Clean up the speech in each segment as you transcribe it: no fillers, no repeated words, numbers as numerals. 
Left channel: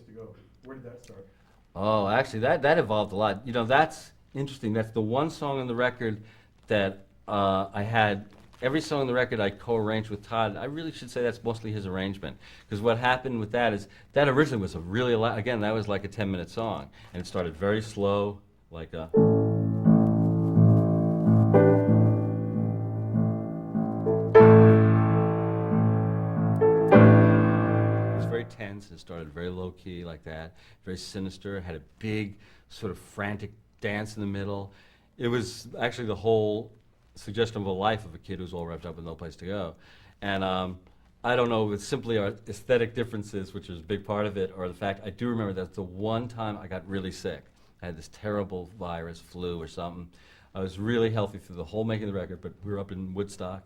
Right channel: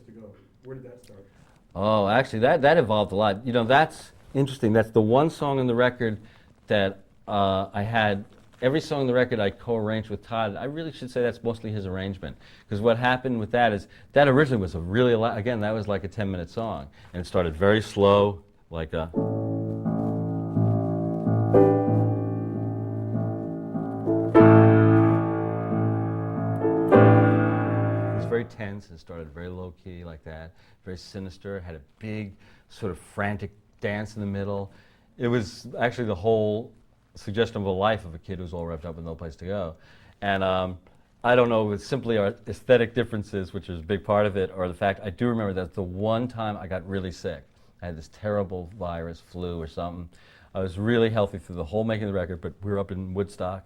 Place to Go. Where did that start? Oh, actually, that evolved a lot. You know, that's interesting. That's the one song on the record that I had. Every song on the record I co-arranged with Todd. I really should say that's mostly his arrangement. Because what happened with that is, that originally was a really, again, that was like a 10-minute song. And it started very slow, like a... It was very tense and started very low-key like that, very sinister, had a big sort of frantic dance in the middle. It was actually the whole suggestion of a life of a kid who's all revved up with no place to go. And I don't know if it's simply our aesthetic differences, which is a big part of it, or the fact I do remember that the one time I got really sick. I had this terrible virus, flu or something. I was really healthy through the whole making of the record, but we were up in Woodstock.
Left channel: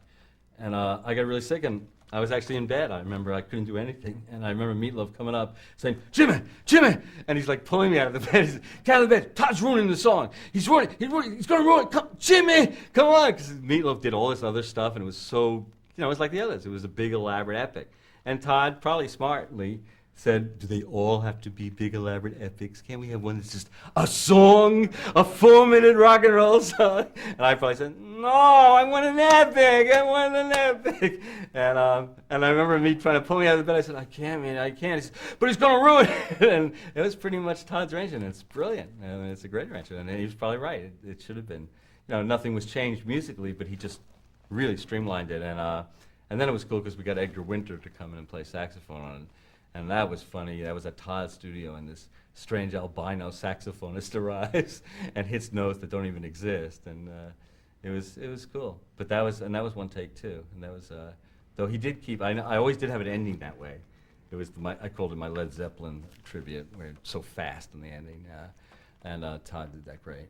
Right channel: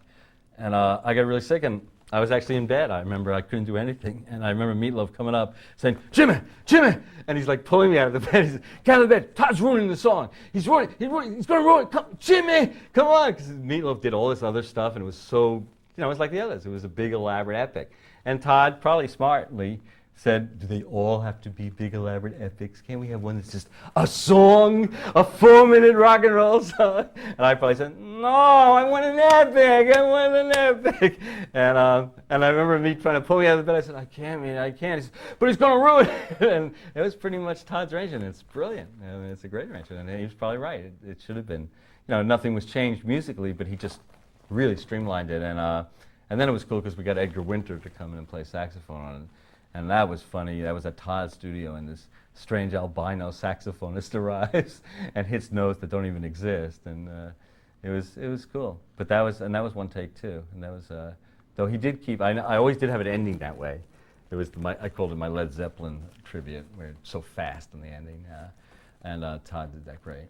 And I got really sick, and I was actually in bed. I remember I couldn't do anything. And I remember Meatloaf coming up saying, Jimmy, Jimmy! And he's like pulling me out of the bed. He's like, get out of the bed. Todd's ruining the song. He's going to ruin it. Come, Jimmy, come on. Because Meatloaf did all this other stuff, and it was so, you know, it was like the others. It was a big, elaborate epic. And Todd, probably smartly, said, do they all have to be big, elaborate epics? Can't we have one that's just a song, a 4-minute rock and roll song? And I probably said, no, I want an epic, I want an epic. And I remember me trying to pull me out of the bed. I said, I can't, man, I can't. He said, but it's going to ruin it. And it was pretty much Todd's arrangement. It's brilliant. I mean, it's a great arrangement. And he was probably right. It should have been. You know, nothing was changed musically, but he just really streamlined it. And then it was cool because we got Edgar Winter to come in and play saxophone on it. And that was funny. That was at Todd's studio, and this strange albino saxophonist arrives and hits notes that don't even exist. And it was cool. But that was one take too. And that was though he did keep. I always did have it ending that way. It was I called it my Led Zeppelin tribute, where it's so fast in the ending. And Todd did that great.